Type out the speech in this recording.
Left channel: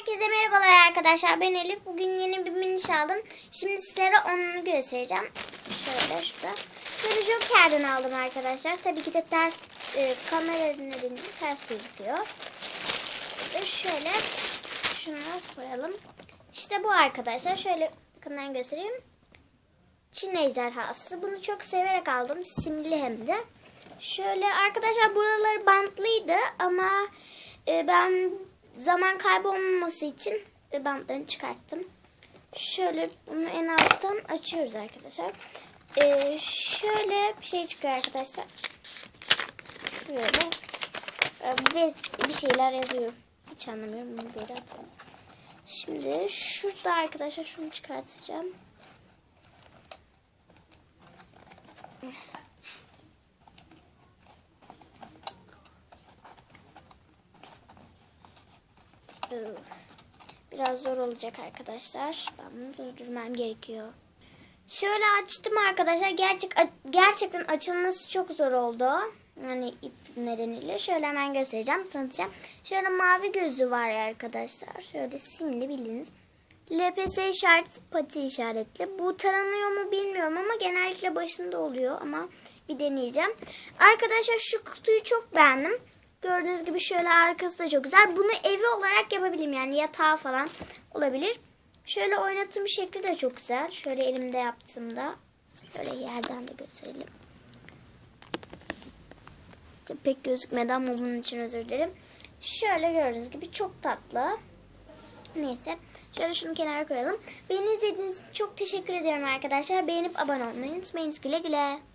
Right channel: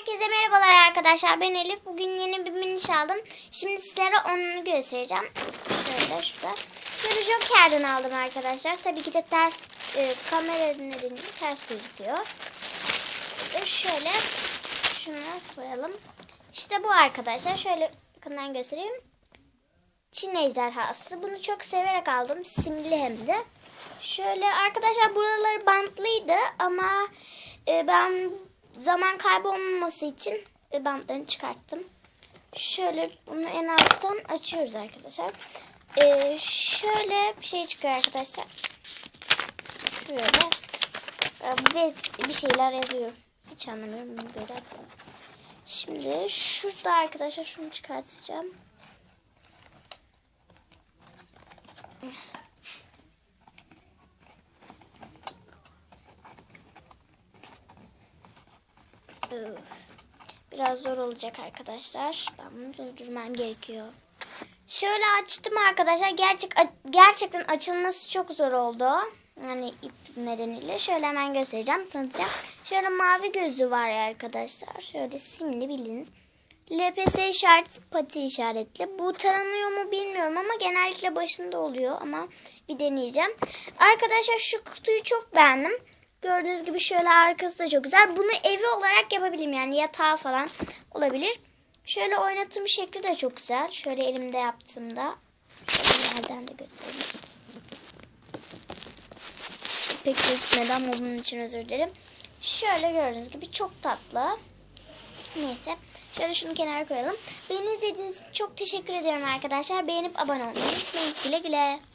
Herkese merhabalar arkadaşlar. Ben Elif. Bugün yeni bir miniş aldım. Şimdi sizlere onu göstereceğim. Şöyle şurada. Şöyle Joker'den aldım arkadaşlar. Tabii ki de ters e, kameranın nedeniyle ters gözüküyor. Şöyle şunu koyalım. İşte bu arkadaşlar. Şöyle yakından göstereyim. Çin ejderhası. Bunu çok severek aldım. Simli hem de. Şöyle arkadaşlar buraları bantlıydı ama e, ben zaman kaybolmaması için bantlarını çıkarttım. Şöyle bunu en alttan açıyoruz arkadaşlar. E, şöyle bir şey çıkıyor arkadaşlar. Şöyle ve bir şeyler yazıyor. Hiç anlamıyorum bunu böyle atalım. Şimdi şurada arkadaşlar şunu çıkartacağım. Biraz zor olacak arkadaşlar. Ben bunu durdurmam gerekiyor. Şöyle açtım arkadaşlar. Gerçek gerçekten açılması çok zor oldu. Yani ip nedeniyle. Şöyle hemen göstereceğim, tanıtacağım. Şöyle mavi gözü var ya arkadaşlar. Şöyle simli bildiğiniz. LPS işaret pati işaretli. Bu taranıyor mu bilmiyorum ama genellikle başında oluyor ama bir deneyeceğim. Arkadaşlar şu kutuyu çok beğendim. Gördüğünüz gibi şöyle arkası da çok güzel. Bunu evi olarak yapabilirim yani yatağı falan olabilir. Şöyle oynattığım şekli de çok güzel. Şöyle elimde yaptığımda. Nereden de göstereyim. Pek gözükmedi ama bunun için özür dilerim. Şöyle gördüğünüz gibi çok tatlı. Neyse. Şöyle şunu kenara koyalım. Beni izlediğiniz için çok teşekkür ederim arkadaşlar. Beğenip abone olmayı unutmayın. Güle güle.